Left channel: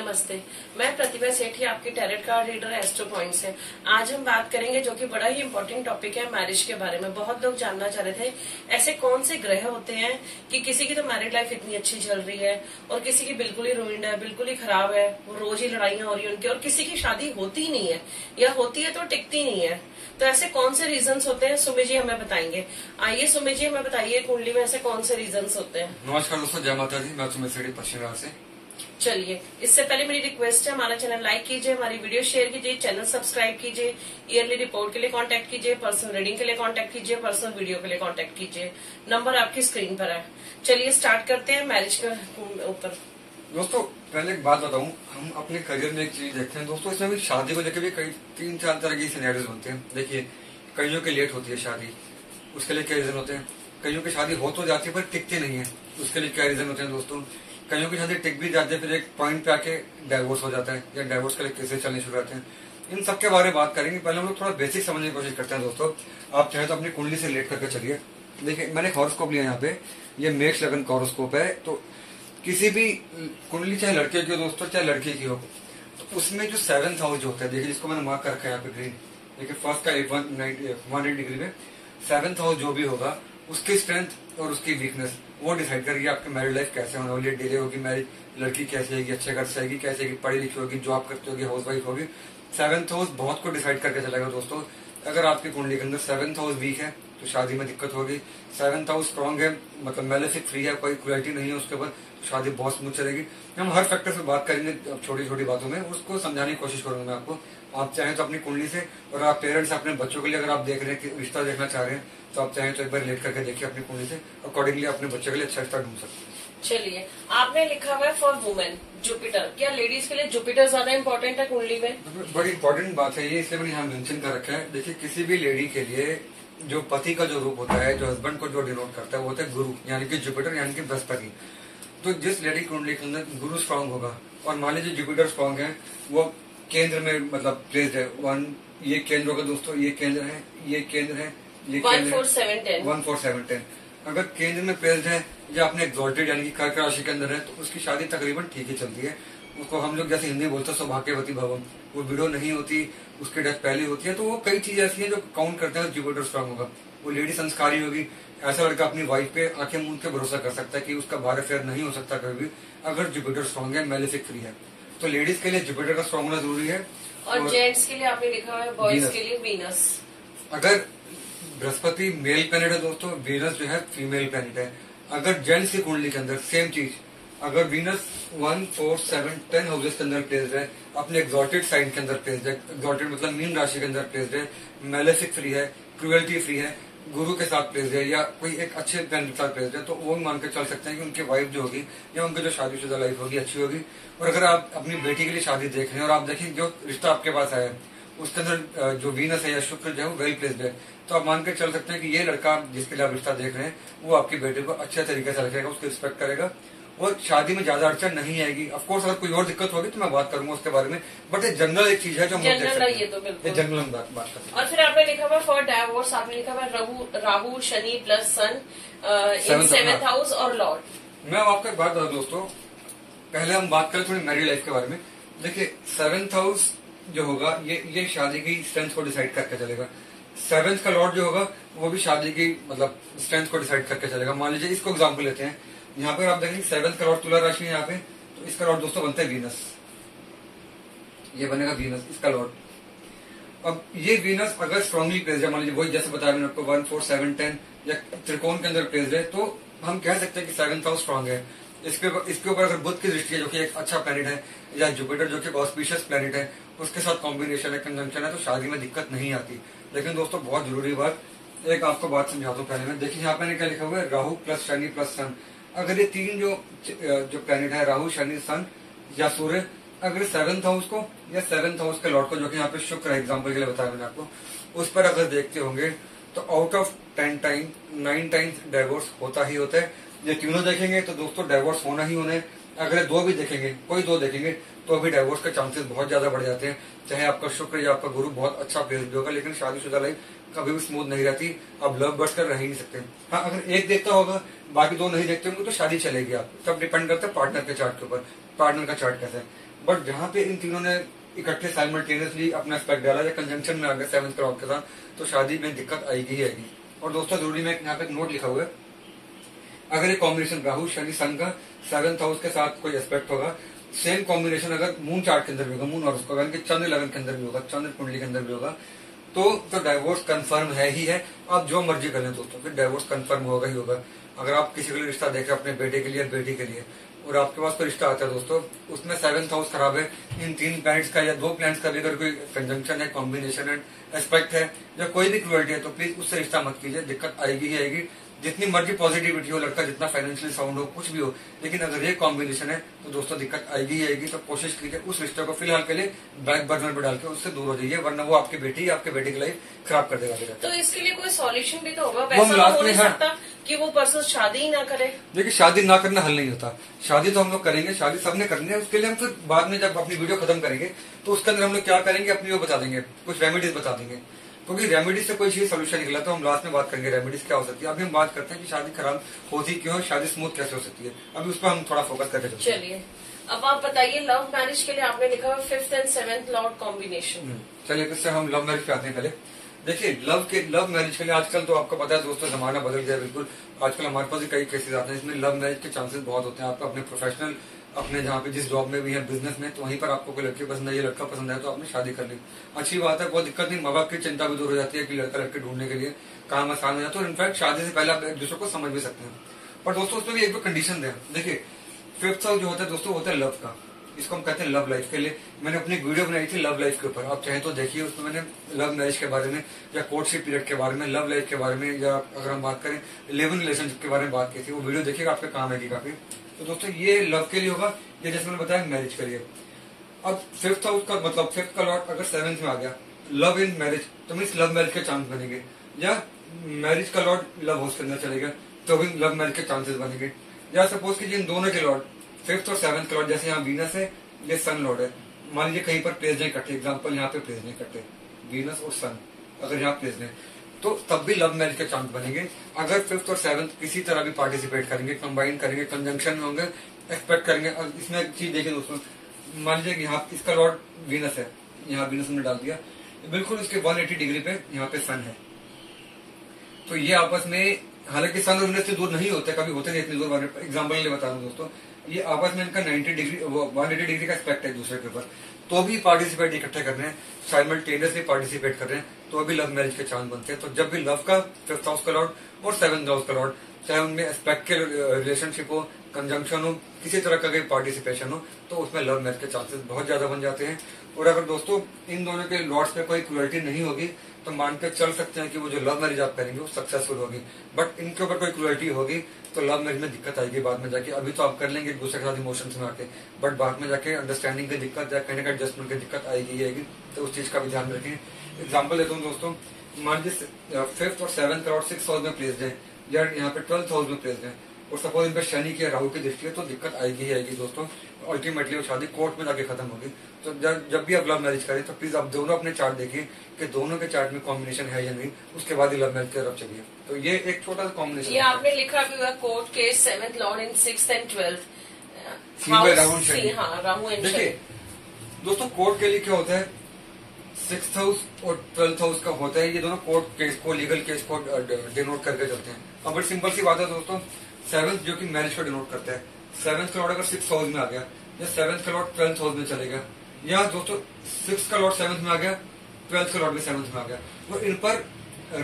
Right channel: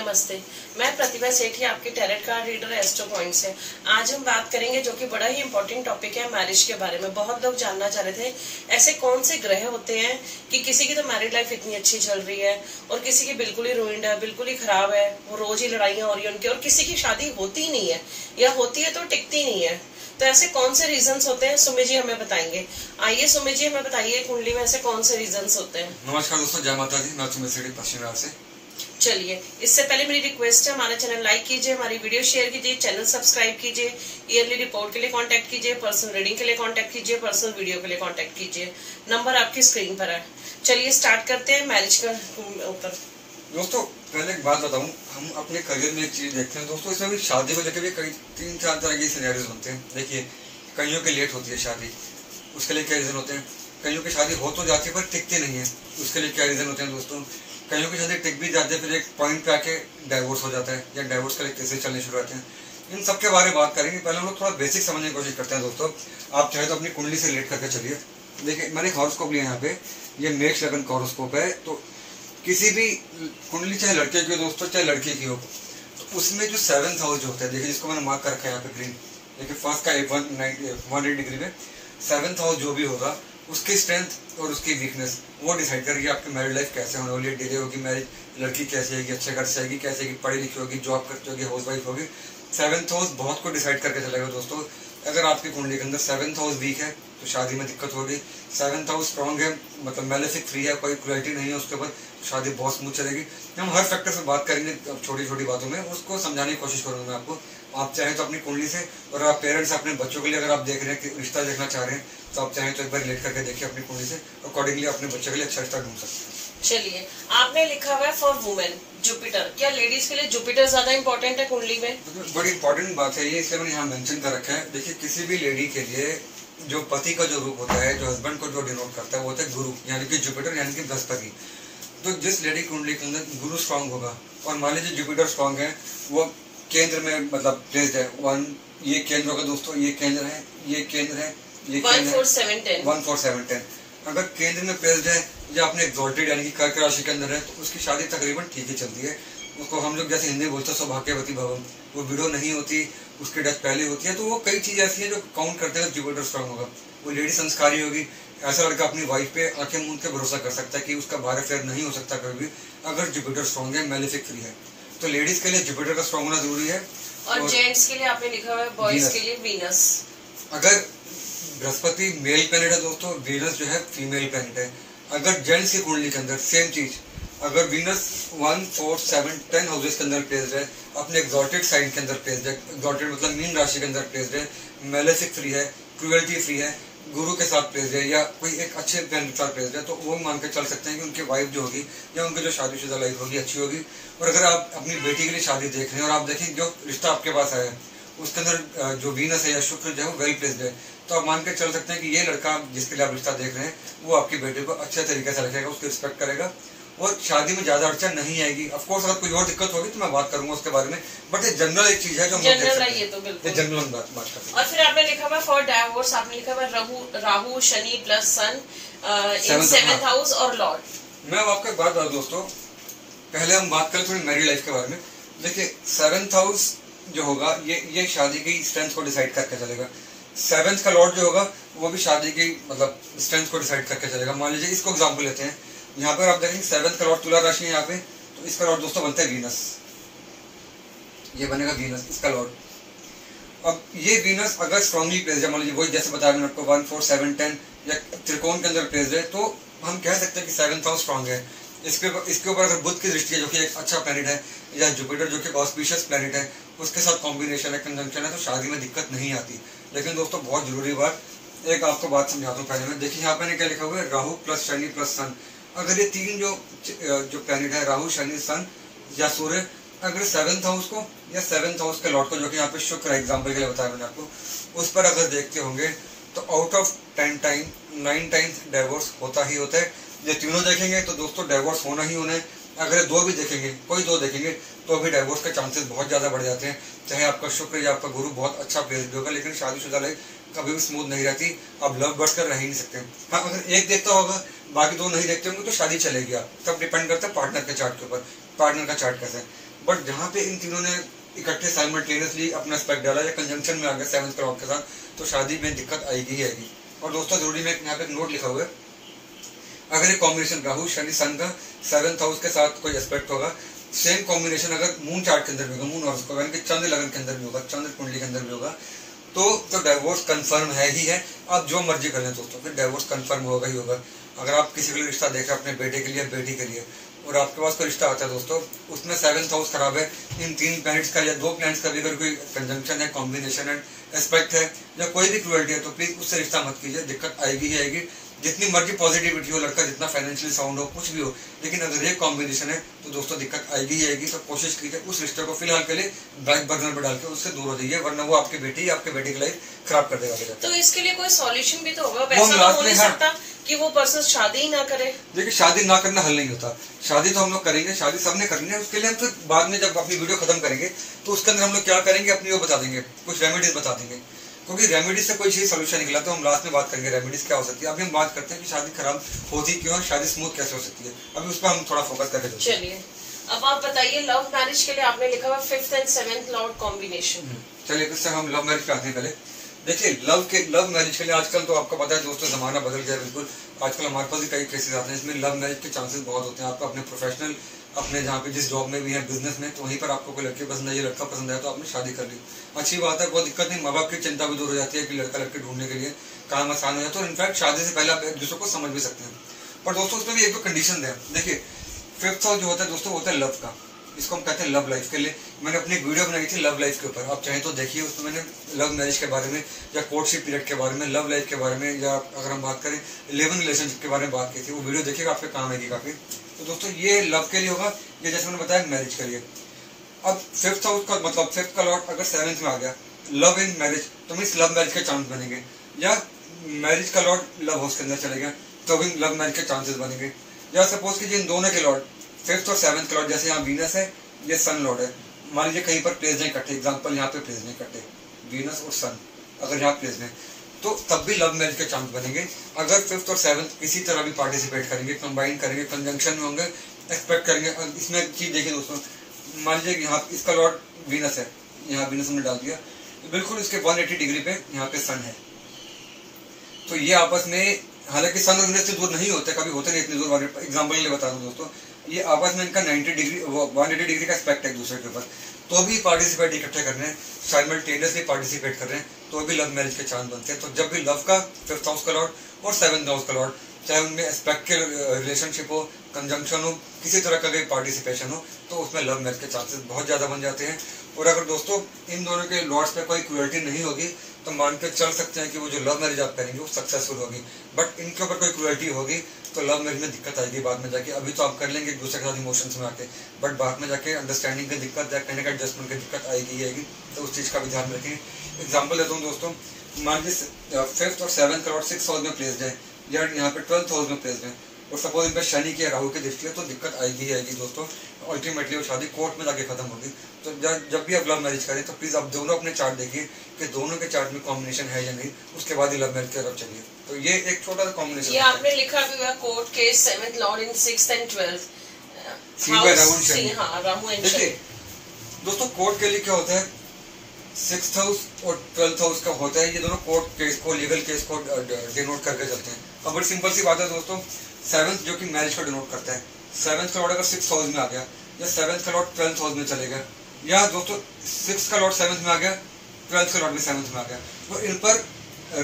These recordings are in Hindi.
नमस्ते, मैं प्रतिभा सेठी, आपकी tarot card reader astro point से। आज हम बात करेंगे जो कि बड़ा ही इम्पोर्टेंट टॉपिक है, मैरिज के बारे में। बहुत लोग जानना चाह रहे थे ऐसे कौन से ग्रह होते हैं कि किसी की तो मैरिड लाइफ इतनी अच्छी चल रही है और किसी की बिल्कुल ही रुइंड है, बिल्कुल ही खराब है, वो रोज ही लड़ाइयां हो रही है उनकी, और किसी की शादी होती ही नहीं है या होती है तो टिकती नहीं है। तो ऐसे कौन से रीजंस होते हैं, सुमी जी हमें बताएंगे। आइए सुमी जी हमें बताइए, कुंडली में ऐसे कौन से रीजंस होते हैं। नमस्कार दोस्तों, जय माता दी। मैं सुमी सेठी पश्चिम बंगाल से। चलिए, इससे पहले मेरी रिक्वेस्ट है, हमारा चैनल लाइक कीजिए, हमारी वीडियो शेयर कीजिए, चैनल सब्सक्राइब कीजिए, ईयरली रिपोर्ट के लिए कांटेक्ट कीजिए, पर्सनल रीडिंग के लिए कांटेक्ट कीजिए, पर्सनल वीडियो के लिए कांटेक्ट कीजिए। नंबर आपकी स्क्रीन पर है। चलिए स्टार्ट करते हैं मैरिज का ऊपर। दोस्तों पहले एक बात बताऊं, हम अपने करियर में एक चीज देखते हैं दोस्तों, इसमें भी शादी को लेकर भी कई 3-4 तरह के सिनेरियोज बनते हैं। देखिए, कईयों की लेट होती है शादी, उसके लिए क्या रीजन होते हैं। कईयों की शादी हो तो जाती है पर टिकती नहीं है, उसके लिए क्या रीजन होते हैं दोस्तों। कईयों की शादी टिक भी जाती है, फिर एक पॉइंट पे आके डाइवोर्स हो जाता है या डाइवोर्स के लिए केसेस चलने शुरू होते हैं। इन सब के बारे में बात करेंगे। पहले हम लोग थोड़ा बेसिक समझने की कोशिश करते हैं दोस्तों। आप चाहे तो अपनी कुंडली से रिलेट करके चलिए। देखिए, मैंने एक हॉरोस्कोप लिया यहाँ पे, ये मेष लगन का हॉरोस्कोप है। तो किसी भी कुंडली, चाहे लड़के की हो दोस्तों चाहे लड़की की हो, तो उसमें जो 7th हाउस जो होता है, देखिए जिसको मैंने मार्क कर रखा है यहाँ पे ग्रीन, देखिए फर्स्ट का 180 डिग्री में 7th हाउस जो भी होगा, उसकी स्ट्रेंथ और उसकी वीकनेस वो डिसाइड करेगी आपकी मैरिड लाइफ कैसे होने वाली है। डिले होगी मैरिज, लड़की कैसे आएगी, अच्छे घर से आएगी, कैसे आएगी, पढ़ी लिखी होगी, जॉब करती होगी, हाउस वाइफ होगी। 7th हाउस बहुत को डिसाइड करके चलेगा दोस्तों। अगर आपकी कुंडली के अंदर 7th हाउस वीक है तो शादी में दिक्कत होगी। 7th हाउस स्ट्रॉन्ग है, मतलब मैलेफिक फ्री है, कोई क्रुएल्टी नहीं है उसके ऊपर, शादी बहुत स्मूथ चलेगी। हम हर फैक्टर से बात करेंगे छोटी छोटी बातों में, उसको समझाने की कोशिश करूंगा मैं आपको। आप चाहें तो अपनी कुंडली से, और आप पेरेंट्स अपने बच्चों के लिए अगर आप देख रहे हैं कि रिश्ता देखना चाह रहे हैं, तो आप चाहें तो एक बार रिलेट करके देखिए अपनी कुंडली से, अकॉर्डिंगली अपने बच्चे के लिए अच्छा रिश्ता ढूंढ सकते हैं। चलिए, आपने लिखा हुआ है फॉर वुमेन जुपिटर, क्या लेडीज के लिए जुपिटर ज्यादा इंपॉर्टेंट है कुंडली में? बड़ी इंपॉर्टेंट बात है ये, इसलिए मैंने यहाँ मेंशन कर रखा है। देखिए, किसी भी लेडी के लिए जो पति का जो रूप होता है, जो हस्बैंड को जो डिनोट करता है, वो होता है गुरु, यानी कि जुपिटर, यानी कि बृहस्पति। तो जिस लेडी कुंडली के अंदर गुरु स्ट्रांग होगा, और मान लीजिए जुपिटर स्ट्रांग है, वो केंद्र में मतलब प्लेस्ड है, ये केंद्र होगा दोस्तों, ये केंद्र है, ये केंद्र है, ये 1 4 7 10 1 4 7 10। अगर केंद्र में प्लेस्ड है या अपने एक्सॉल्टेड यानी कि कर्क राशि के अंदर है, तो उसकी शादी तकरीबन ठीक ही चलती है। उसको हम लोग जैसे हिंदी बोलते हैं सौभाग्यवती भवन, वो विडो नहीं होती, उसकी डेथ पहले होती है। तो वो कई चीजें ऐसी हैं जो काउंट करते हैं जुपिटर स्ट्रांग होगा। वो लेडी संस्कारी होगी, ऐसा लड़का अपनी वाइफ पे आंखें मूंद के भरोसा कर सकता है कि उसका बाहर फेयर नहीं हो सकता कभी भी, अगर जुपिटर स्ट्रांग है, मैलेफिक फ्री है। तो लेडीज के लिए जुपिटर का स्ट्रांग होना जरूरी है। और जेंट्स के लिए आपने लिखा हुआ है बॉयज के लिए वीनस। अगर बृहस्पति मेल प्लैनेट है दोस्तों, वीनस जो है फीमेल प्लैनेट है। अगर जेंट्स की कुंडली के अंदर सेम चीज, अगर वीनस 1 4 7 10 हाउसेस के अंदर प्लेस्ड है, अपने एक्सॉल्टेड साइन के अंदर प्लेस्ड है, एक्सॉल्टेड मतलब मीन राशि के अंदर प्लेस्ड है, मैलेफिक फ्री है, क्रुएल्टी फ्री है, गुरु के साथ प्लेस्ड है, या कोई एक अच्छे प्लैनेट के साथ प्लेस्ड है, तो वो मान के चल सकते हैं कि उनकी वाइफ जो होगी या उनकी जो शादीशुदा लाइफ होगी अच्छी होगी। और अगर आप अपनी बेटी के लिए शादी देख रहे हैं और आप देखें जो रिश्ता आपके पास आया है उसके अंदर जो वीनस है या शुक्र जो है वो वेल प्लेस्ड है, तो आप मान के चल सकते हैं कि ये लड़का जिसके लिए आप रिश्ता देख रहे हैं वो आपकी बेटी को अच्छे तरीके से रखेगा, उसकी रिस्पेक्ट करेगा और शादी में ज्यादा अड़चन नहीं आएगी। ऑफ कोर्स अगर कोई और दिक्कत होगी तो मैं बात करूंगा उसके बारे में, बट ये जनरल एक चीज है जो हम देख सकते हैं। ये तो बिल्कुल जनरल बात करते हैं। और फिर आपने लिखा हुआ फॉर डाइवोर्स, आपने लिखा हुआ राहु शनि प्लस सन इन 7th हाउस और लॉर्ड। मैं आपको एक बात बता दोस्तों, पहले हम बात करें थोड़ी मैरिड लाइफ के बारे में। देखिए, 7th हाउस जो होगा ये शादी की स्ट्रेंथ को डिसाइड करके चलेगा। 7th का लॉर्ड जो होगा वो भी शादी की मतलब स्ट्रेंथ को डिसाइड करके चलेगा। मान लीजिए इसको एग्जांपल लेते हैं, यहाँ पर आप देखेंगे 7th का लॉर्ड तुला राशि है यहाँ पे, तो इसका लॉर्ड दोस्तों बनता है वीनस, ये बनेगा वीनस इसका लॉर्ड। अब ये वीनस अगर स्ट्रांगली प्लेस्ड है, मान लीजिए वही जैसे बताया मैंने आपको 1 4 7 10 या त्रिकोण के अंदर प्लेस्ड है, तो हम कह सकते हैं कि 7th हाउस स्ट्रांग है। इसके ऊपर अगर बुध की दृष्टि है जो कि एक अच्छा प्लैनेट है, या जुपिटर जो कि ऑस्पिशियस प्लैनेट है, उसके साथ कॉम्बिनेशन है, कंजंक्शन है, तो शादी में दिक्कत नहीं आती। लेकिन दोस्तों बहुत जरूरी बात, एक आपको बात समझाता हूँ पहले में। देखिए यहाँ मैंने क्या लिखा हुआ है, राहु प्लस शनि प्लस सन। अगर ये तीन जो प्लैनेट है, राहु शनि सन या सूर्य, अगर 7th हाउस को या 7th हाउस के लॉर्ड को, जो कि यहाँ पे शुक्र है एग्जाम्पल के लिए बताया मैंने आपको, उस पर अगर देखते होंगे तो out of 10 time 9 times divorce होता ही होता है। ये तीनों देखेंगे तो दोस्तों डाइवोर्स होना ही होना है। अगर दो भी देखेंगे, कोई दो देखेंगे, तो भी डाइवोर्स के चांसेस बहुत ज्यादा बढ़ जाते हैं। चाहे आपका शुक्र या आपका गुरु बहुत अच्छा प्लेस्ड होगा, लेकिन शादीशुदा लाइफ कभी भी स्मूथ नहीं रहती। आप लव बर्ड्स कर रह ही नहीं सकते। हाँ, अगर एक देखता होगा बाकी दो नहीं देखते होंगे तो शादी चलेगी। आप सब डिपेंड करता है पार्टनर के चार्ट के ऊपर, पार्टनर का चार्ट कैसा है। बट जहाँ पे इन तीनों ने इकट्ठे साइमल्टेनियसली अपना एस्पेक्ट डाला या कंजंक्शन में आ गया 7th क्लाउड के साथ, तो शादी में दिक्कत आएगी ही आएगी। और दोस्तों जरूरी में यहाँ पे एक नोट लिखा हुआ है, अगर ये कॉम्बिनेशन राहु शनि सन का 7th हाउस के साथ कोई एस्पेक्ट होगा, सेम कॉम्बिनेशन अगर मून चार्ट के अंदर भी होगा, मून और उसको यानी कि चंद्र लगन के अंदर भी होगा, चंद्र कुंडली के अंदर भी होगा, तो डाइवोर्स कंफर्म है ही है। आप जो मर्जी कर लें दोस्तों, फिर डाइवोर्स कंफर्म होगा ही होगा। अगर आप किसी के लिए रिश्ता देख रहे हैं अपने बेटे के लिए, बेटी के लिए, और आपके पास कोई रिश्ता आता है दोस्तों, उसमें 7th हाउस खराब है, इन 3 प्लैनेट्स का या 2 प्लैनेट्स का भी अगर कोई कंजंक्शन है, कॉम्बिनेशन है, एस्पेक्ट है, या कोई भी क्रुएल्टी है, तो प्लीज उससे रिश्ता मत कीजिए, दिक्कत आएगी ही आएगी। जितनी मर्जी पॉजिटिविटी हो, लड़का जितना फाइनेंशियली साउंड हो, कुछ भी हो, लेकिन अगर ये कॉम्बिनेशन है तो दोस्तों दिक्कत आएगी ही आएगी। तो कोशिश कीजिए उस रिश्ते को फिलहाल के लिए बैक बर्नर पर डाल के उससे दूर हो जाइए, वरना वो आपके बेटी या आपके बेटे की लाइफ खराब कर देगा। तो इसके लिए कोई सॉल्यूशन भी तो होगा, वैसा तो हो नहीं सकता कि वो पर्सन शादी ही ना करे। देखिए शादी ना करना हल नहीं होता, शादी तो हम लोग करेंगे, शादी सबने करनी है। उसके लिए हम तो बाद में जब अपनी वीडियो खत्म करेंगे तो उसके अंदर हम लोग क्या करेंगे अपनी वो बता देंगे, कुछ रेमेडीज बता देंगे, क्योंकि रेमेडीज से कोई चीज सोल्यूशन निकला तो हम लास्ट में बात करेंगे रेमेडीज क्या हो सकती है। अभी हम बात करते हैं कि शादी खराब होती क्यों है, शादी स्मूथ कैसे हो सकती है, अभी उस पर हम थोड़ा फोकस करके चलिए अब आप बताइए, लव मैरिज के लिए आपने लिखा हुआ 5th and 7th Lord combination. चलिए इससे हम लव मैरिज पे आते हैं। पहले देखिए लव मैरिज के लिए आजकल तो आपको पता है दोस्तों जमाना बदल गया बिल्कुल। आजकल हमारे पास भी कई केसेस आते हैं इसमें लव मैरिज के चांसेस बहुत होते हैं। आपको अपने प्रोफेशनल अपने जहाँ पे जिस जॉब में भी है, बिजनेस में, तो वहीं पर आपको कोई लड़की पसंद है, ये लड़का पसंद है, तो आपने शादी कर ली, अच्छी बात है, कोई दिक्कत नहीं। माँ बाप की चिंता भी दूर हो जाती है कि लड़का लड़के ढूंढने के लिए काम आसान हो जाता है, और इनफैक्ट शादी से पहले आप एक दूसरे को समझ भी सकते हैं। पर दोस्तों उसमें भी एक दो कंडीशन है। देखिए 5th हाउस जो होता है दोस्तों होता है लव का, इसको हम कहते हैं लव लाइफ के लिए। मैंने अपनी वीडियो बनाई थी लव लाइफ के ऊपर, आप चाहें तो देखिए, उसमें मैंने लव मैरिज के बारे में या कोर्टशिप पीरियड के बारे में, लव लाइफ के बारे में, या अगर हम बात करें 11 रिलेशनशिप के बारे में बात की थी। वो वीडियो देखिएगा, आपके काम आएगी काफी। तो दोस्तों ये लव के लिए होगा, ये जैसे मैंने बताया मैरिज के लिए। अब 5th हाउस का मतलब 5th का लॉर्ड अगर 7th में आ गया, लव इन मैरिज, तो मीन्स लव मैरिज के चांस बनेंगे, या मैरिज का लॉर्ड लव हाउस के अंदर चले गया तो भी लव मैरिज के चांसेस बनेंगे। या सपोज कीजिए इन दोनों के लॉर्ड 5th और 7th के लॉर्ड, जैसे यहाँ वीनस है, ये सन लॉर्ड है, मान लीजिए कहीं पर प्लेस नहीं करते, एग्जाम्पल यहाँ पे प्लेस नहीं करते, वीनस और सन अगर यहाँ प्लेस में, तो तब भी लव मैरिज के चांस बनेंगे। अगर 5th और 7th किसी तरह भी पार्टिसिपेट करेंगे, कंबाइन करेंगे, कंजंक्शन में होंगे, एक्सपेक्ट करेंगे। इसमें एक चीज देखिए दोस्तों, मान लीजिए यहाँ इसका लॉर्ड वीनस है, यहाँ वीनस में डाल दिया, बिल्कुल इसके 180 डिग्री पे यहाँ पे सन है, तो ये आपस में, हालांकि सन और वीनस से दूर नहीं होते, कभी होते नहीं इतनी दूर। एग्जाम्पल के लिए बता दूं दोस्तों, ये आपस में इनका 90 डिग्री 180 डिग्री का एस्पेक्ट है एक दूसरे के ऊपर, तो भी पार्टिसिपेट इकट्ठे कर रहे हैं, साइमल्टेनियसली पार्टिसिपेट कर रहे हैं, तो भी लव मैरिज के चांस बनते हैं। तो जब भी लव का 5th हाउस का लॉर्ड और 7th हाउस का लॉर्ड, चाहे उनमें एस्पेक्ट के रिलेशनशिप हो, कंजंक्शन हो, किसी तरह का कोई पार्टिसिपेशन हो, तो उसमें लव मैरिज के चांसेस बहुत ज्यादा बन जाते हैं। और अगर दोस्तों इन दोनों के लॉर्ड्स पे कोई क्रुएल्टी नहीं होगी तो मान के चल सकते हैं कि वो जो लव मैरिज आप करेंगे वो सक्सेसफुल होगी। बट इनके ऊपर कोई क्रुएल्टी होगी तो लव मैरिज में दिक्कत आएगी बाद में जाके। अभी तो आप कर लेंगे एक दूसरे के साथ इमोशंस में आके, बट बाद में जाके अंडरस्टैंडिंग की दिक्कत या कहने का एडजस्टमेंट की दिक्कत आएगी ही आएगी। तो उस चीज का भी ध्यान रखें। एग्जाम्पल देता हूँ दोस्तों, मान लीजिए 5th और 7th और 6th हाउस में प्लेस्ड है, या यहाँ पे 12th हाउस में प्लेस्ड है, और सपोज इन पे शनि की राहु की दृष्टि है, तो दिक्कत आएगी ही आएगी दोस्तों। अल्टीमेटली वो शादी कोर्ट में जाके खत्म होगी। तो जब भी आप लव मैरिज करें तो प्लीज आप दोनों अपने चार्ट देखिए कि दोनों के चार्ट में कॉम्बिनेशन है या नहीं, उसके बाद ही लव मैरिज की तरफ चलिए। तो ये एक छोटा सा कॉम्बिनेशन। ये आपने लिखा भी हुआ court case 7th Lord in 6th and 12th Rahu and Shani. दोस्तों कोर्ट के लिए क्या होता है, 6th हाउस और 12th हाउस का होता है, ये दोनों कोर्ट केस को, लीगल केस को डिनोट करके चलते हैं। अब बड़ी सिंपल सी बात है दोस्तों, 7th जो कि मैरिज को डिनोट करता है, 7th का लॉर्ड अगर 6th हाउस में आ गया, या 7th का लॉर्ड 12th हाउस में चलेगा, या दोस्तों 6th का लॉर्ड 7th में आ गया, 12th का लॉर्ड भी 7th में आ गया, तो इन पर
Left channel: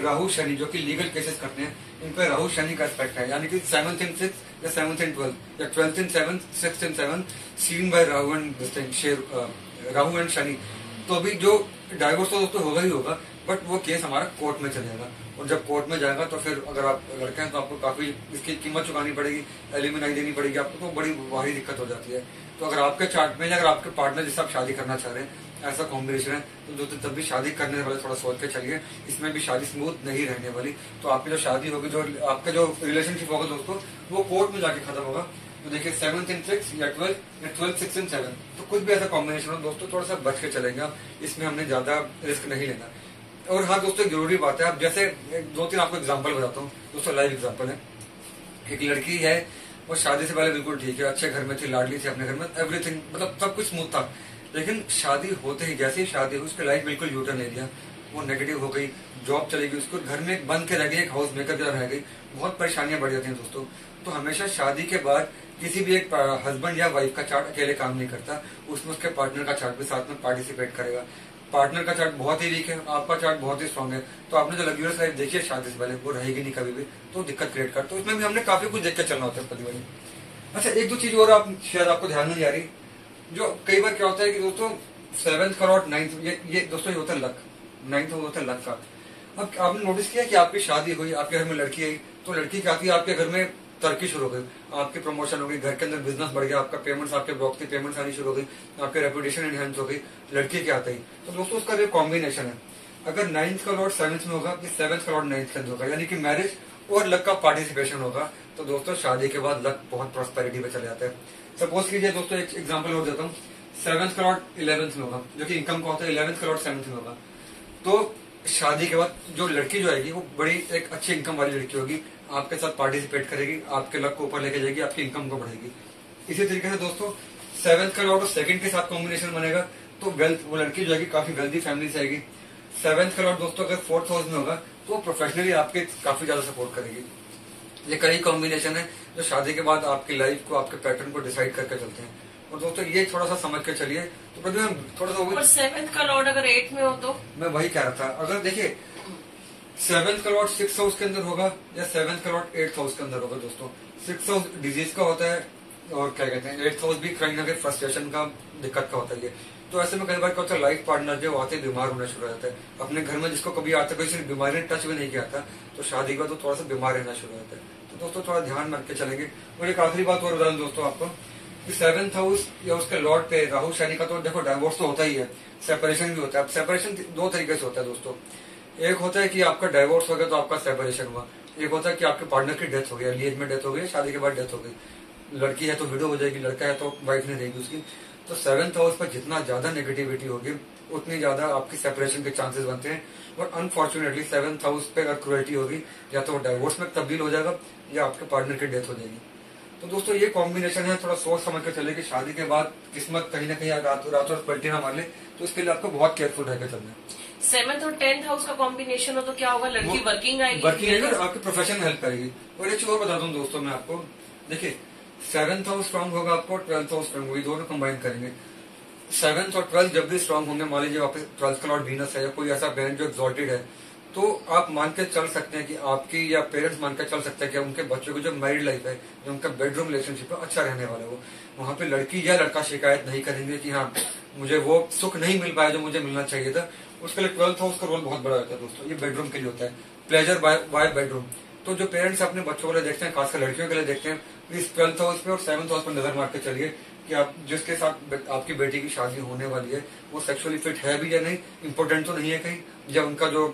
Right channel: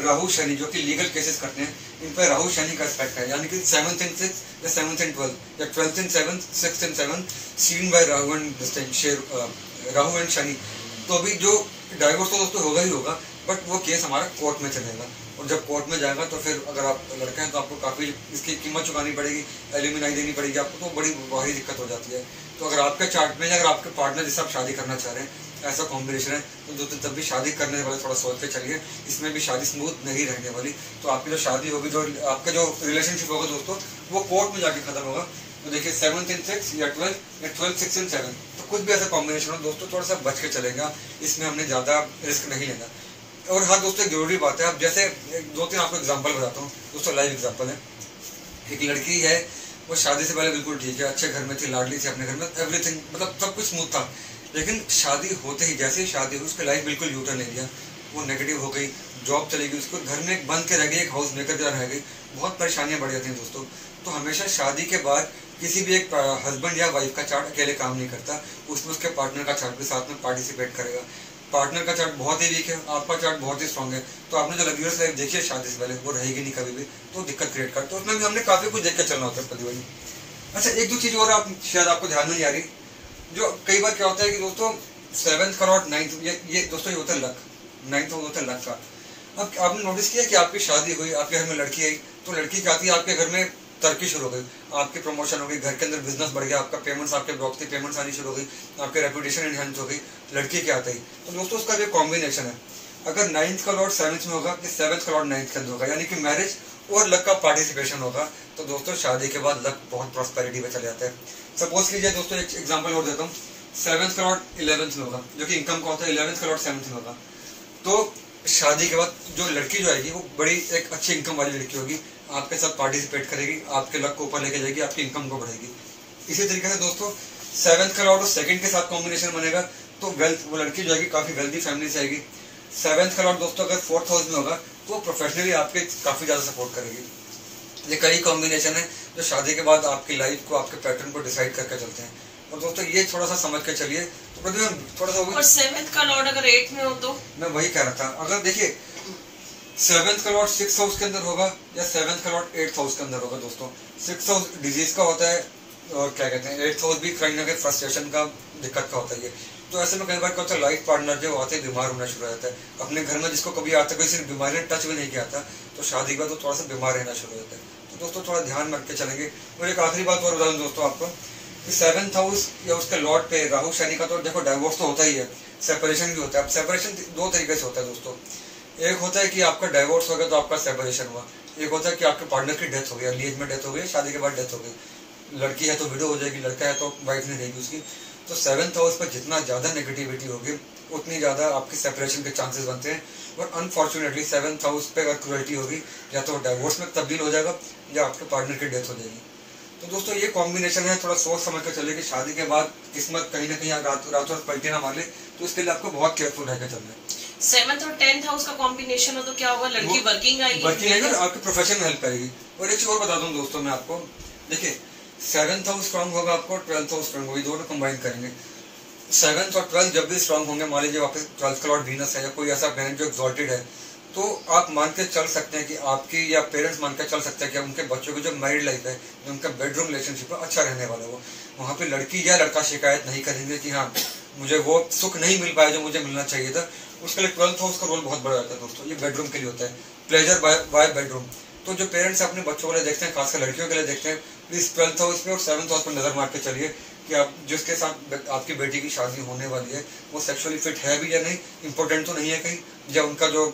राहु शनि जो कि लीगल केसेस करते हैं, इन पर राहु शनि का एस्पेक्ट है, यानी कि 7th and 6th या 7th and 12th या 12th and 7th 6th and 7th seen by Rahu and Rahu and Shani. तो अभी जो डाइवोर्स तो दोस्तों होगा ही होगा, बट वो केस हमारा कोर्ट में चलेगा, और जब कोर्ट में जाएगा तो फिर अगर आप लड़के हैं तो आपको काफी इसकी कीमत चुकानी पड़ेगी, एलिमिनाई देनी पड़ेगी आपको, तो बड़ी भारी दिक्कत हो जाती है। तो अगर आपके चार्ट में, अगर आपके पार्टनर जिससे आप शादी करना चाह रहे हैं ऐसा कॉम्बिनेशन है, तो दोस्तों तब भी शादी करने वाले थोड़ा सोच के चलिए, इसमें भी शादी स्मूथ नहीं रहने वाली। तो आपकी जो शादी होगी, जो आपका जो रिलेशनशिप होगा दोस्तों, वो कोर्ट में जाके खत्म होगा। तो देखिए 7th and 6th या 12th या 12th 6 and 7, तो कुछ भी ऐसा कॉम्बिनेशन हो दोस्तों, थोड़ा सा बच के चलेगा, इसमें हमने ज्यादा रिस्क नहीं लेना। और हाँ दोस्तों एक जरूरी बात है, अब जैसे 2-3 आपको एग्जांपल बताता हूँ दोस्तों, लाइव एग्जांपल है। एक लड़की है वो शादी से पहले बिल्कुल ठीक है, अच्छे घर में थी, लाडली थी अपने घर में, एवरीथिंग मतलब सब कुछ स्मूथ था। लेकिन शादी होते ही, जैसे ही शादी हुई, उसकी लाइफ बिल्कुल यूटर्न ले लिया, वो नेगेटिव हो गई, जॉब चली गई, उसको घर में बंद के रह गई, एक हाउस मेकर की तरह रह गई, बहुत परेशानियां बढ़ जाती हैं दोस्तों। तो हमेशा शादी के बाद किसी भी एक हस्बैंड या वाइफ का चार्ट अकेले काम नहीं करता, उसमें उसके पार्टनर का चार्ट भी साथ में पार्टिसिपेट करेगा। पार्टनर का चार्ट बहुत ही वीक है, आपका चार्ट बहुत ही स्ट्रांग है, तो आपने जो लग्जरियस लाइफ देखी है शादी से पहले, वो रहेगी नहीं कभी भी, तो दिक्कत क्रिएट करता है। उसमें भी हमने काफी कुछ देख कर चलना होता है पति। अच्छा, एक दो चीज और आप शायद आपको ध्यान में नहीं आ रही, जो कई बार क्या होता है कि दोस्तों 7th करोड़ 9th, ये दोस्तों ये होता है लक, 9th होता है लक का। अब आपने नोटिस किया कि आपकी शादी हुई, आपके घर में लड़की आई, तो लड़की क्या आती है, आपके घर में तरक्की शुरू हो गई, आपकी प्रमोशन हो गई, घर के अंदर बिजनेस बढ़ गया, आपका पेमेंट्स, आपके ब्लॉक की पेमेंट्स आनी शुरू हो गई, आपके रेपुटेशन एनहांस हो गई, लड़की क्या आता है। तो दोस्तों उसका जो कॉम्बिनेशन है, अगर 9th करोड़ 7th में होगा कि 7th करोड़ 9th के अंदर होगा, यानी कि मैरिज और लक का पार्टिसिपेशन होगा, तो दोस्तों शादी के बाद लक बहुत प्रॉस्पेरिटी पे चले जाता है। सपोज कीजिए दोस्तों, एक एग्जांपल और देता हूँ, 7th करोड़ 11th में होगा, जो कि इनकम का होता है, 11th करोड़ 7th में होगा, तो शादी के बाद जो लड़की जो आएगी वो बड़ी एक अच्छी इनकम वाली लड़की होगी, आपके साथ पार्टिसिपेट करेगी, आपके लक को ऊपर लेके जाएगी, आपकी इनकम को बढ़ाएगी। इसी तरीके से दोस्तों 7th करोड़ और 2nd के साथ कॉम्बिनेशन बनेगा, तो वेल्थ, वो लड़की जो आएगी काफी वेल्दी फैमिली से आएगी। 7th करोड़ दोस्तों अगर 4th हाउस में होगा, तो प्रोफेशनली आपके काफी ज्यादा सपोर्ट करेगी। ये कई कॉम्बिनेशन है जो शादी के बाद आपकी लाइफ को, आपके पैटर्न को डिसाइड करके चलते हैं। और दोस्तों ये थोड़ा सा समझ के चलिए। तो प्रतिभा थोड़ा सा, और 7th का लॉर्ड अगर 8 में हो तो मैं वही कह रहा था, अगर देखिए 7th का लॉर्ड 6th हाउस के अंदर होगा या 7th का लॉर्ड 8th हाउस के अंदर होगा दोस्तों, 6th हाउस डिजीज का होता है, और क्या कहते हैं 8th हाउस भी कहीं ना कहीं फ्रस्ट्रेशन का, दिक्कत का होता है। तो ऐसे में कई बार क्या होता है, लाइफ पार्टनर जो आते बीमार होना शुरू हो जाता है अपने घर में, जिसको कभी आता कोई सिर्फ बीमारी ने टच भी नहीं किया था, तो शादी के बाद तो थोड़ा सा बीमार रहना शुरू हो जाता है। तो दोस्तों थोड़ा ध्यान रख के चलेंगे। और एक आखिरी बात और बता दूं दोस्तों आपको, 7th हाउस या उसके लॉर्ड पे राहु शनि का, तो देखो डाइवोर्स तो होता ही है, सेपरेशन भी होता है। अब सेपरेशन दो तरीके से होता है दोस्तों, एक होता है कि आपका डाइवोर्स हो गया तो आपका सेपरेशन हुआ, एक होता है कि आपके पार्टनर की डेथ हो गई, अर्ली एज में डेथ हो गई, शादी के बाद डेथ हो गई, लड़की है तो विडो हो जाएगी, लड़का है तो वाइफ नहीं रहेगी उसकी। तो 7th हाउस पर जितना ज्यादा नेगेटिविटी होगी उतनी ज्यादा आपकी सेपरेशन के चांसेस बनते हैं। और अनफॉर्चुनेटली 7th हाउस पे अगर क्रुएल्टी होगी, या तो डाइवोर्स में तब्दील हो जाएगा या आपके पार्टनर की डेथ हो जाएगी। तो दोस्तों ये कॉम्बिनेशन है, थोड़ा सोच समझ कर चले कि शादी के बाद किस्मत कहीं ना कहीं रातों पलटी ना मार ले, तो इसके लिए आपको बहुत केयरफुल रहकर चलना है। 7th और 10th हाउस का कॉम्बिनेशन हो तो क्या होगा, लड़की वर्किंग आएगी, वर्किंग आएगी, आपके प्रोफेशन में हेल्प करेगी। और एक चीज और बता दूं दोस्तों मैं आपको, देखिए 7th हाउस स्ट्रांग होगा आपको, 12th हाउस स्ट्रांग होगी, दोनों कंबाइन करेंगे। 7th और 12th जब भी स्ट्रांग होंगे, मान लीजिए वापस 12th का लॉर्ड वीनस है या कोई ऐसा प्लैनेट जो एक्सॉल्टेड है, तो आप मान के चल सकते हैं कि आपकी, या पेरेंट्स मान के चल सकते हैं कि उनके बच्चों की जो मैरिड लाइफ है, जो उनका बेडरूम रिलेशनशिप है, अच्छा रहने वाला है। वहाँ पे लड़की या लड़का शिकायत नहीं करेंगे कि हाँ मुझे वो सुख नहीं मिल पाया जो मुझे मिलना चाहिए था। उसके लिए 12th हाउस का रोल बहुत बड़ा होता है दोस्तों, ये बेडरूम के लिए होता है, प्लेजर बाय बेडरूम। तो जो पेरेंट्स अपने बच्चों के लिए देखते हैं, खासकर लड़कियों के लिए देखते हैं, प्लीज 12th हाउस पे और 7th हाउस पर नजर मार के चलिए कि आप जिसके साथ आपकी बेटी की शादी होने वाली है वो सेक्सुअली फिट है भी या नहीं, इंपॉर्टेंट तो नहीं है कहीं, या उनका जो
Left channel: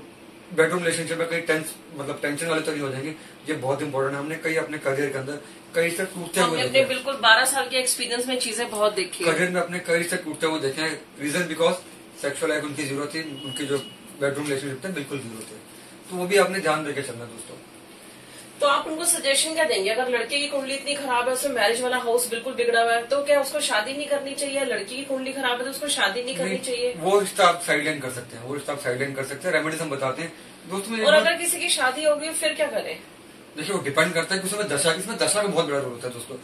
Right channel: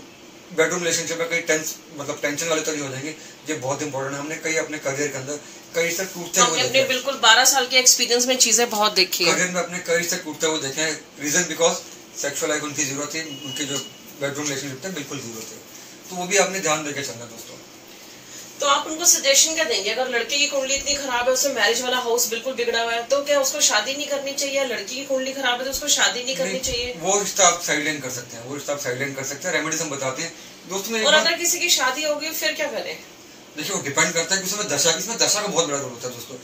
बेडरूम रिलेशनशिप में कहीं टेंशन वाले तो नहीं हो जाएंगे। ये बहुत इंपॉर्टेंट है। हमने कई अपने करियर के अंदर कई से टूटते हुए देखे, बिल्कुल 12 साल के एक्सपीरियंस में चीजें बहुत देखी है, करियर में अपने करियर से टूटते हुए देखे हैं। रीजन बिकॉज सेक्सुअल लाइफ उनकी जीरो थी, उनकी जो बेडरूम रिलेशनशिप थे बिल्कुल जीरो थे। तो वो भी आपने ध्यान देके चलना दोस्तों। तो आप उनको सजेशन क्या देंगे, अगर लड़के की कुंडली इतनी खराब है, उससे मैरिज वाला हाउस बिल्कुल बिगड़ा हुआ है, तो क्या उसको शादी नहीं करनी चाहिए? लड़की की कुंडली खराब है तो उसको शादी नहीं करनी चाहिए? वो रिश्ता आप साइडलाइन कर सकते हैं, वो रिश्ता आप साइडलाइन कर सकते हैं, रेमेडीज हम बताते हैं दोस्तों। और अगर किसी की शादी होगी फिर क्या करें? देखिए वो डिपेंड करता है कि उसमें दशा, इसमें दशा का बहुत बड़ा रोल होता है दोस्तों।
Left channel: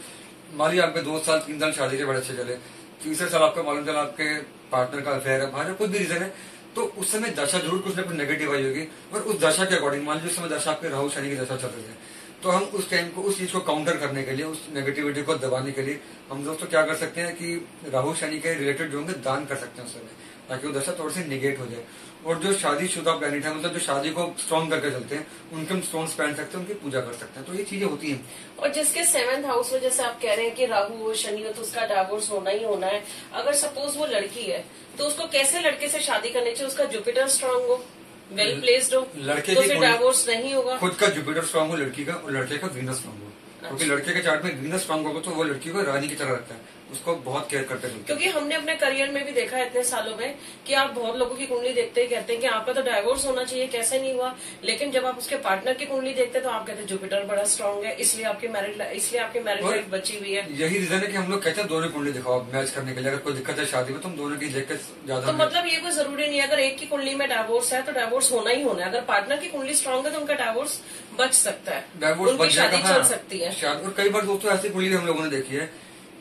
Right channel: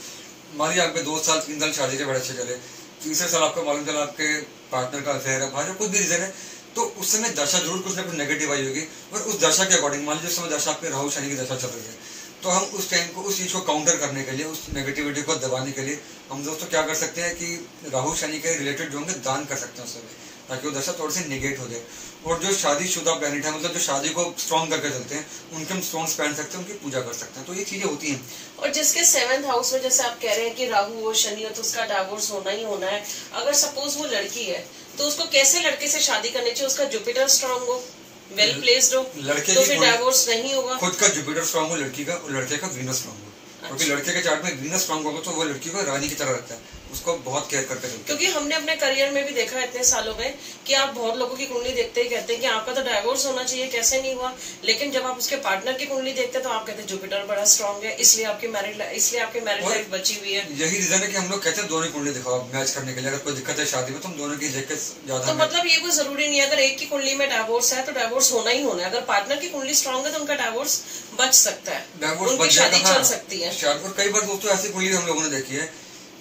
मान लीजिए आपके 2 साल 3 साल शादी के बड़े अच्छे चले, तीसरे साल आपको मालूम चला आपके पार्टनर का अफेयर है, बाहर कुछ भी रीजन है, तो उस समय दशा जरूर कुछ ना कुछ नेगेटिव आई होगी। और उस दशा के अकॉर्डिंग, मान लीजिए उस समय दशा आपके राहु शनि की दशा चल रही है, तो हम उस टाइम को, उस चीज को काउंटर करने के लिए, उस नेगेटिविटी को दबाने के लिए हम दोस्तों क्या कर सकते हैं कि राहु शनि के रिलेटेड जो होंगे दान कर सकते हैं उस समय, ताकि वो दशा थोड़ी सी निगेट हो जाए। और जो शादीशुदा प्लैनेट है, मतलब जो शादी को स्ट्रॉन्ग करके चलते हैं, उनके हम स्टोन्स पहन सकते हैं, उनकी पूजा कर सकते हैं। तो ये चीजें होती हैं। और जिसके 7th हाउस में जैसे आप कह रहे हैं कि राहु हो, शनि हो, तो उसका डाइवोर्स होना ही होना है। अगर सपोज वो लड़की है तो उसको कैसे लड़के से शादी करनी चाहिए? उसका जुपिटर स्ट्रांग हो, वेल प्लेस्ड हो, लड़के तो फिर डाइवोर्स नहीं होगा। खुद का जुपिटर स्ट्रांग हो लड़की का, और लड़के का वीनस स्ट्रांग हो, क्योंकि लड़के के चार्ट में वीनस स्ट्रांग होगा तो वो लड़की को रानी की तरह रखता है, उसको बहुत केयर करके चलते हैं। क्योंकि हमने अपने करियर में भी देखा है इतने सालों में कि आप बहुत लोगों की कुंडली देखते ही कहते हैं कि आपका तो डाइवोर्स होना चाहिए, कैसे नहीं हुआ। लेकिन जब आप उसके पार्टनर की कुंडली देखते हैं तो आप कहते हैं जुपिटर बड़ा स्ट्रांग है, इसलिए आपकी मैरिड लाइफ बची हुई है। यही रीजन है कि हम लोग कहते हैं दोनों कुंडली दिखाओ मैच करने के लिए। अगर कोई दिक्कत है शादी में तो हम दोनों की देख के ज्यादा। तो मतलब ये कोई जरूरी नहीं है अगर एक की कुंडली में डाइवोर्स है तो डाइवोर्स होना ही होना है। अगर पार्टनर की कुंडली स्ट्रांग है तो उनका डाइवोर्स बच सकता है, डाइवोर्स उनकी शादी चल सकती है। और कई बार दोस्तों ऐसी कुंडली हम लोगों ने देखी है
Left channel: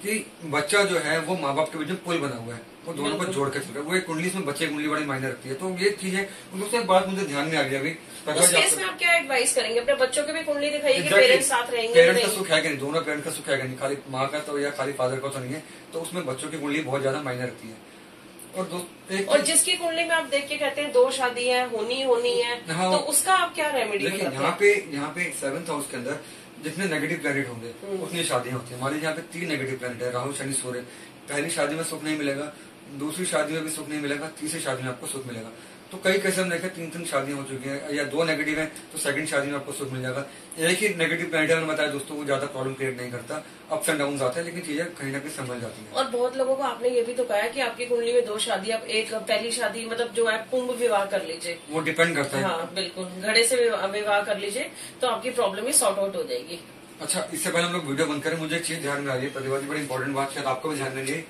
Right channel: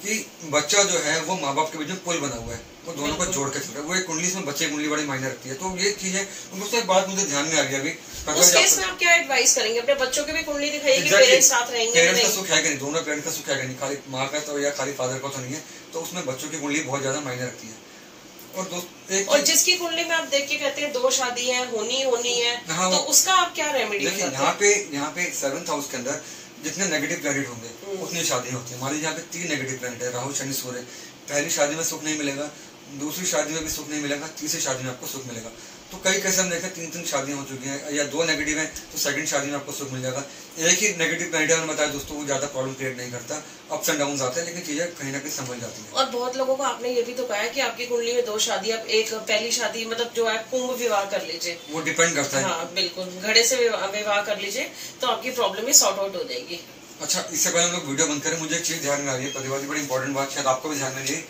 कि बच्चा जो है वो माँ बाप के बीच में पुल बना हुआ है, वो दोनों को जोड़ के चल रहा है। वो एक कुंडली में बच्चे की कुंडली बड़ी मायने रखती है। तो ये चीज है। दोस्तों एक बात मुझे ध्यान में आ गई अभी, उस केस में आप क्या एडवाइस करेंगे? अपने बच्चों की भी कुंडली दिखाइए कि पेरेंट्स साथ रहेंगे। पेरेंट्स का सुख है कि नहीं, दोनों पेरेंट्स का सुख है कि नहीं, खाली माँ का तो या खाली फादर का तो नहीं है। तो उसमें बच्चों की कुंडली बहुत ज्यादा मायने रखती है। और जिसकी कुंडली में आप देख के कहते हैं 2 शादी है होनी है, हाँ, तो उसका आप क्या रेमेडी बताते हैं? यहाँ पे 7th हाउस के अंदर जितने नेगेटिव प्लैनेट होंगे उतनी शादियां होती है। हमारे यहाँ पे 3 नेगेटिव प्लैनेट है, राहु शनि सूर्य। पहली शादी में सुख नहीं मिलेगा, दूसरी शादी में भी सुख नहीं मिलेगा, तीसरी शादी में आपको सुख मिलेगा। तो कई कैसे हम देखें 3 शादियां हो चुकी हैं, या 2 नेगेटिव है तो सेकंड शादी में आपको सुख मिल जाएगा। एक ही नेगेटिव प्लैनेट है, बताया दोस्तों, वो ज्यादा प्रॉब्लम क्रिएट नहीं करता, अप्स एंड डाउन आते हैं, लेकिन चीजें कहीं ना कहीं समझ जाती है। और बहुत लोगों को आपने ये भी तो कहा है कि आपकी कुंडली में 2 शादी, अब एक पहली शादी मतलब जो है कुंभ विवाह कर लीजिए, वो डिपेंड करता है। हाँ बिल्कुल, घड़े से विवाह कर लीजिए तो आपकी प्रॉब्लम ही सॉर्ट आउट हो जाएगी। अच्छा, इससे पहले हम लोग वीडियो बंद करें, मुझे एक चीज ध्यान में आ रही है प्रतिभा जी, बड़ी इंपॉर्टेंट बात, शायद आपको भी ध्यान में रही,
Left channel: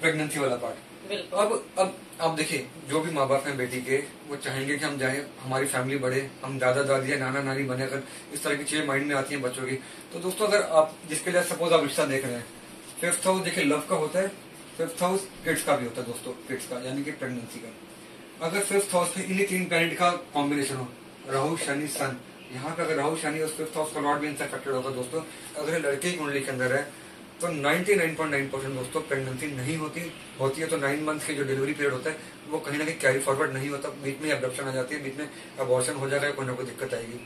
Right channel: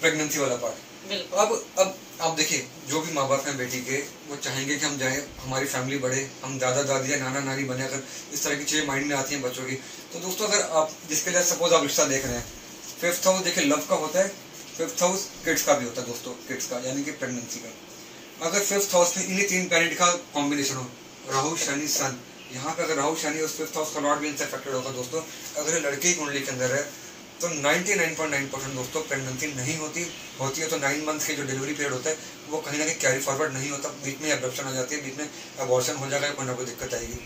प्रेगनेंसी वाला पार्ट। अब आप देखिए, जो भी माँ बाप हैं बेटी के, वो चाहेंगे कि हम जाएं, हमारी फैमिली बढ़े, हम दादा दादी या नाना नानी बने। अगर इस तरह की चीजें माइंड में आती हैं बच्चों की, तो दोस्तों अगर आप जिसके लिए सपोज आप रिश्ता देख रहे हैं, 5th हाउस देखिए लव का होता है, 5th हाउस किड्स का भी होता है दोस्तों, किड्स का यानी कि प्रेगनेंसी का। अगर 5th हाउस में इन्हीं 3 प्लैनेट का कॉम्बिनेशन हो, राहु शनि सन, यहाँ पे अगर राहु शनि और 5th हाउस का लॉर्ड भी इनसे अफेक्टेड होगा दोस्तों, अगर लड़के की कुंडली के अंदर है तो 99.9% दोस्तों प्रेगनेंसी नहीं होती है तो 9 मंथ की जो डिलीवरी पीरियड होता है वो कहीं ना कहीं कैरी फॉरवर्ड नहीं होता, बीच में एब्डक्शन आ जाती है, बीच में अबॉर्शन हो जाएगा, कोई ना कोई दिक्कत आएगी।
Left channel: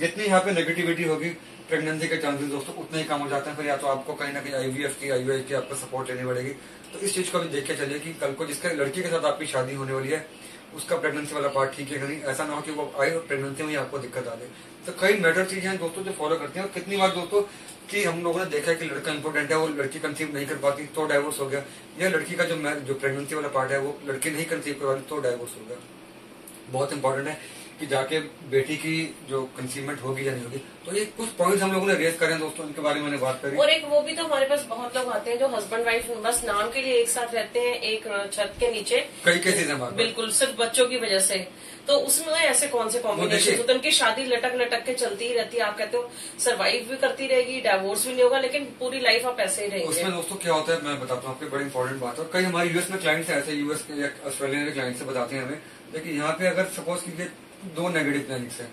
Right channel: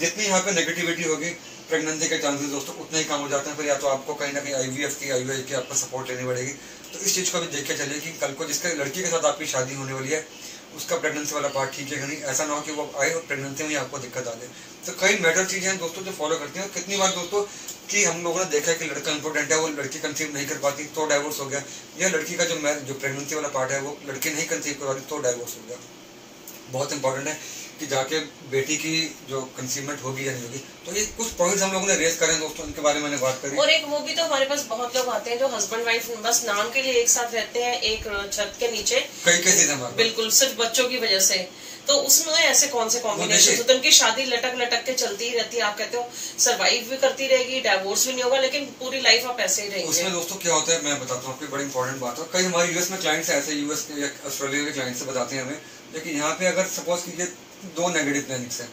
जितनी यहाँ पे नेगेटिविटी होगी प्रेगनेंसी के चांसेस दोस्तों उतने ही कम हो जाते हैं। फिर या तो आपको कहीं ना कहीं IVF की IUI की आपको सपोर्ट लेनी पड़ेगी। तो इस चीज़ को भी देख के चलिए कि कल को जिसके लड़की के साथ आपकी शादी होने वाली है उसका प्रेगनेंसी वाला पार्ट ठीक है कि नहीं, ऐसा ना हो कि वो आए और प्रेगनेंसी में आपको दिक्कत आ जाए। तो कई मैटर चीजें हैं दोस्तों जो फॉलो करते हैं। और कितनी बार दोस्तों कि हम लोगों ने देखा है कि लड़का इंपॉर्टेंट है, वो लड़की कंसीव नहीं कर पाती तो डाइवोर्स हो गया, या लड़की का जो प्रेगनेंसी वाला पार्ट है वो लड़की नहीं कंसीव कर पाती तो डाइवोर्स हो गया। बहुत इंपॉर्टेंट है कि जाके बेटी की जो कंसीवमेंट होगी या नहीं होगी। तो ये कुछ पॉइंट्स हम लोगों ने रेज करे हैं दोस्तों, इनके बारे में मैंने बात करी। और एक वो भी तो हमारे पास बहुत लोग आते हैं जो हस्बैंड वाइफ बस नाम के लिए एक साथ रहते हैं एक छत के नीचे, कई केसेस हमारे बिल्कुल सिर्फ बच्चों की वजह से। तो उसमें ऐसे कौन से कॉम्बिनेशन होते हैं? उनकी शादी लटक लटक के चलती ही रहती है, आप कहते हो सर्वाइव भी करती रहेगी, डाइवोर्स भी नहीं होगा, लेकिन पूरी लाइफ आप ऐसे ही रहेंगे। उसमें दोस्तों क्या होता है मैं बताता हूँ आपको, बड़ी इंपॉर्टेंट बात है। कई हमारे यूएस में क्लाइंट्स ऐसे यूएस या ऑस्ट्रेलिया के क्लाइंट से बताते हैं हमें, लेकिन यहाँ पे अगर सपोज कीजिए 2 नेगेटिव प्लैनेट्स है,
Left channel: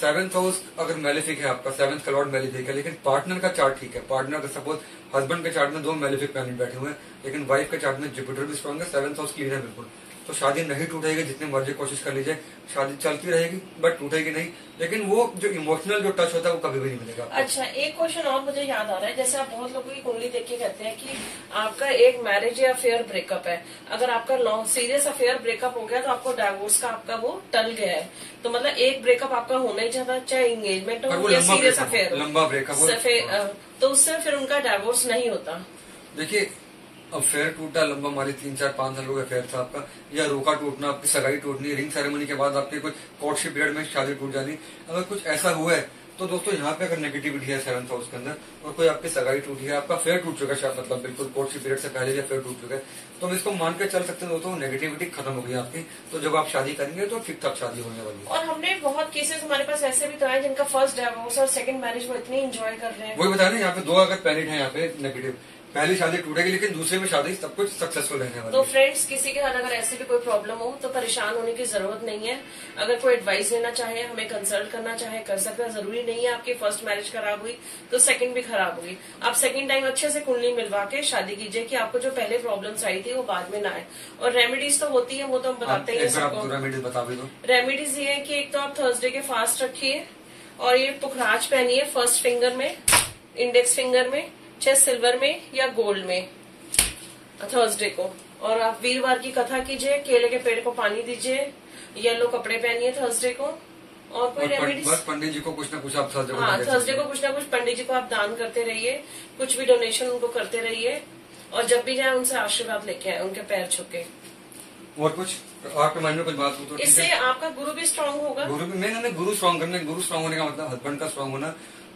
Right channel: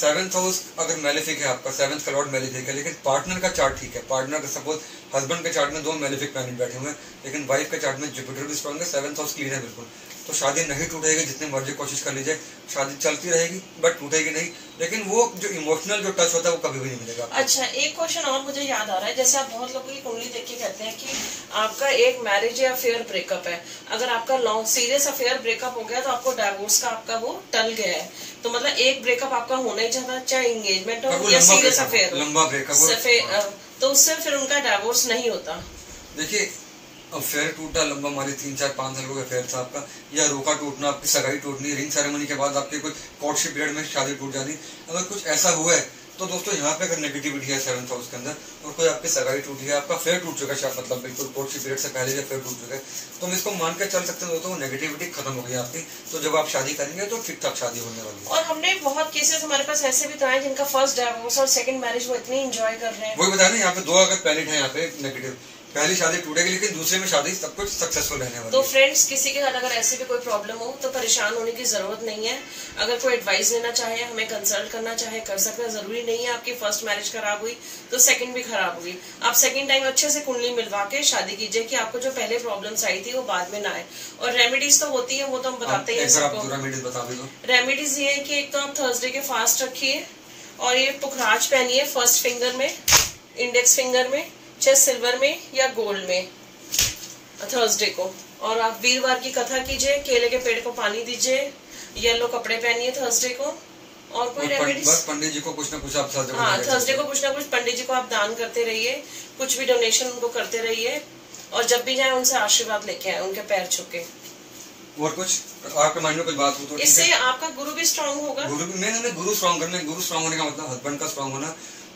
7th हाउस अगर मेलेफिक है आपका, 7th का लॉर्ड मेलेफिक है, लेकिन पार्टनर का चार्ट ठीक है, पार्टनर का सपोज हस्बैंड के चार्ट में 2 मेलेफिक प्लैनेट बैठे हुए हैं, लेकिन वाइफ के चार्ट में जुपिटर भी स्ट्रॉन्ग है, 7th हाउस क्लीन है बिल्कुल, तो शादी नहीं टूटेगी, जितनी मर्जी कोशिश कर लीजिए, शादी चलती रहेगी बट टूटेगी नहीं, लेकिन वो जो इमोशनल जो टच होता है वो कभी भी नहीं मिलेगा। अच्छा, एक क्वेश्चन और मुझे याद आ रहा है, जैसे आप बहुत लोगों की कुंडली देख के कहते हैं कि आपका एक मैरिज या अफेयर ब्रेकअप है, अगर आपका लॉन्ग सीरियस अफेयर ब्रेकअप हो गया तो आपको डाइवोर्स का आपका वो टल गया है, तो मतलब एक ब्रेकअप आपका होना ही चाहता, चाहे एंगेजमेंट हो या सीरियस अफेयर, लंबा ब्रेकअप, तो उससे फिर उनका डाइवोर्स नहीं होता। देखिए अफेयर टूटा लंबा, हमारे 3, 4, 5 साल का अफेयर था आपका, या रोका टूटना, आपकी सगाई टूटनी, रिंग सेरेमनी के बाद आपके कुछ कोर्टशिप पीरियड में शादी टूट जानी, अगर कुछ ऐसा हुआ है तो दोस्तों यहाँ पे अगर नेगेटिविटी है 7th हाउस के अंदर और कोई आपकी सगाई टूटी है, आपका अफेयर टूट चुका है, मतलब बिल्कुल कोर्टशिप पीरियड से पहले भी अफेयर टूट चुका है, तो हम इसको मान के चल सकते हैं दोस्तों नेगेटिविटी खत्म हो गई आपकी। तो जब आप शादी करेंगे तो ठीक ठाक शादी होने वाली है। और हमने बहुत केसेस हमारे पास ऐसे भी तो है जिनका फर्स्ट डाइवोर्स और सेकंड मैरिज वो इतनी एंजॉय कर रहे हैं। वही बताया ना, यहाँ पे 2 अगर प्लैनेट है यहाँ पे नेगेटिव, पहली शादी टूटेगी लेकिन दूसरे में शादी सब कुछ सक्सेसफुल रहने वाली। तो फ्रेंड्स, किसी के साथ अगर ऐसी भी कोई प्रॉब्लम हो तो परेशान होने की जरूरत नहीं है। अगर कोई एडवाइस लेना चाहे, हमें कंसल्ट करना चाहे, कर सकते हैं। जरूरी नहीं है आपकी फर्स्ट मैरिज खराब हुई तो सेकंड भी खराब हुई। आप सेकंड टाइम अच्छे से कुंडली मिलवा के शादी कीजिए कि आपको जो पहले प्रॉब्लम्स आई थी वो बाद में ना आए। और रेमेडीज तो होती है, वो तो हम बताते ही हैं सबको। रेमेडीज ये है कि एक तो आप थर्सडे के फास्ट रखिए और ये पुखराज पहनिए फर्स्ट फिंगर में, इंडेक्स फिंगर में, चाहे सिल्वर में या गोल्ड में थर्सडे को। और आप वीरवार की कथा कीजिए, केले के पेड़ को पानी दीजिए, येलो कपड़े पहनिए थर्सडे को। और कोई रेमेडीज, पंडित जी को कुछ ना कुछ आप थर्सडे को कुछ ना कुछ पंडित जी को आप दान करते रहिए, कुछ भी डोनेशन उनको करते रहिए। और जब भी जाए उनसे आशीर्वाद लेके आए, उनके पैर छू के। और कुछ आपके माइंड में कुछ बात हो तो इससे आपका गुरु भी स्ट्रांग होगा। गुरु भी मैंने गुरु स्ट्रांग करना, गुरु स्ट्रांग होने का मतलब हस्बैंड का स्ट्रांग होना।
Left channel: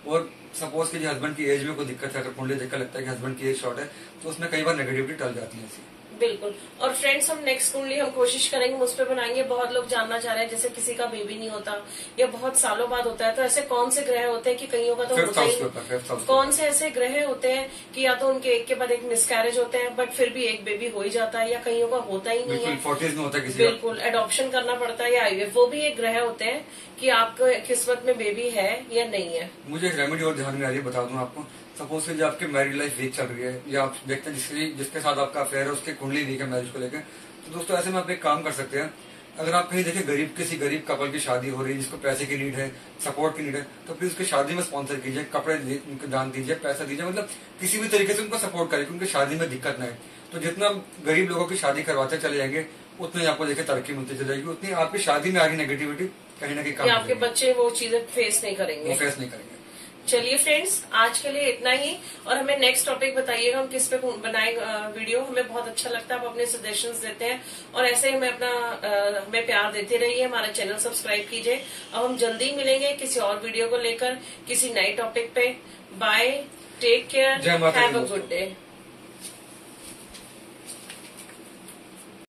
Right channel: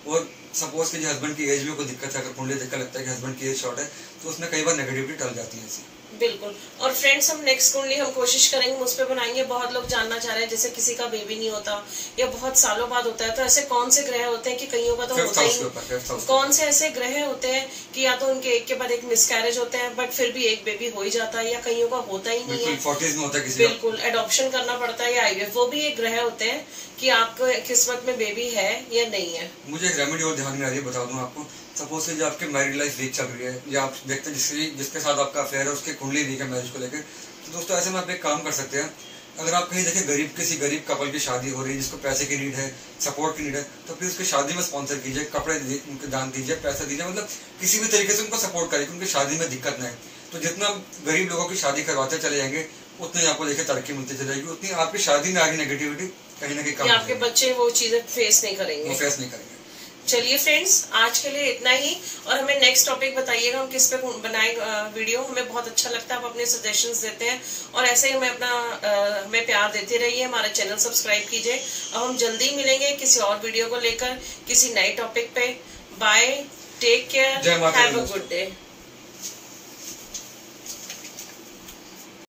और सपोज कि हस्बैंड की एज में कोई दिक्कत है, अगर कुंडली देखकर लगता है कि हस्बैंड की एज शॉर्ट है, तो उसमें कई बार नेगेटिविटी टल जाती है ऐसी। बिल्कुल। और फ्रेंड्स, हम नेक्स्ट कुंडली हम कोशिश करेंगे उस पर बनाएंगे। बहुत लोग जानना चाह रहे हैं, जैसे किसी का बेबी नहीं होता या बहुत सालों बाद होता है, तो ऐसे कौन से ग्रह होते हैं कि कईयों का तो होता ही नहीं, कौन से ऐसे ग्रह होते हैं कि या तो उनके एक के बाद एक मिसकैरेज होते हैं बट फिर भी एक बेबी हो ही जाता है, या कईयों का होता ही नहीं है, 40s में होता है किसी बिल्कुल एडॉप्शन करना पड़ता है या आईवीएफ। वो भी एक ग्रह होते हैं कि आपको किस्मत में बेबी है या नहीं है। मुझे एक रेमेडी और ध्यान में आ रही है, बता दूं आपको। सपोज कि जो आपकी मैरिड लाइफ वीक चल रही है, या आप देखते हैं जिसके साथ आपका अफेयर है उसकी कुंडली वीक है मैरिज को लेकर, तो दोस्तों ऐसे में आप एक काम कर सकते हैं। अगर आप कहीं देखें किसी गरीब कपल की शादी हो रही है जिसको पैसे की नीड है, सपोर्ट की नीड है, तो प्लीज उसकी शादी में स्पॉन्सर कीजिए, कपड़े उनको दान दीजिए, पैसा दीजिए, मतलब किसी भी तरीके से उनको सपोर्ट करिए, उनकी शादी में दिक्कत ना है। तो जितना गरीब लोगों की शादी करवाते चले जाएंगे, उतना ही आपको देखिए तरक्की मिलती चली जाएगी, उतनी आपकी शादी में आ रही नेगेटिविटी कहीं ना कहीं कम, आपके बच्चे वो चीजें फेस नहीं करेंगे। चलिए फ्रेंड्स, आज के लिए इतना ही, और हमें नेक्स्ट टॉपिक बताइएगा हम किस पे बनाए वीडियो। हमें बहुत अच्छा लगता है, आप अपने सजेशंस देते हैं, और ऐसे ही हमें प्यार देते रहिए। हमारा चैनल सब्सक्राइब कीजिए। अब हम जल्दी मिलेंगे किसी और वीडियो को लेकर, किसी नए टॉपिक पे। Bye, take care, have a good day.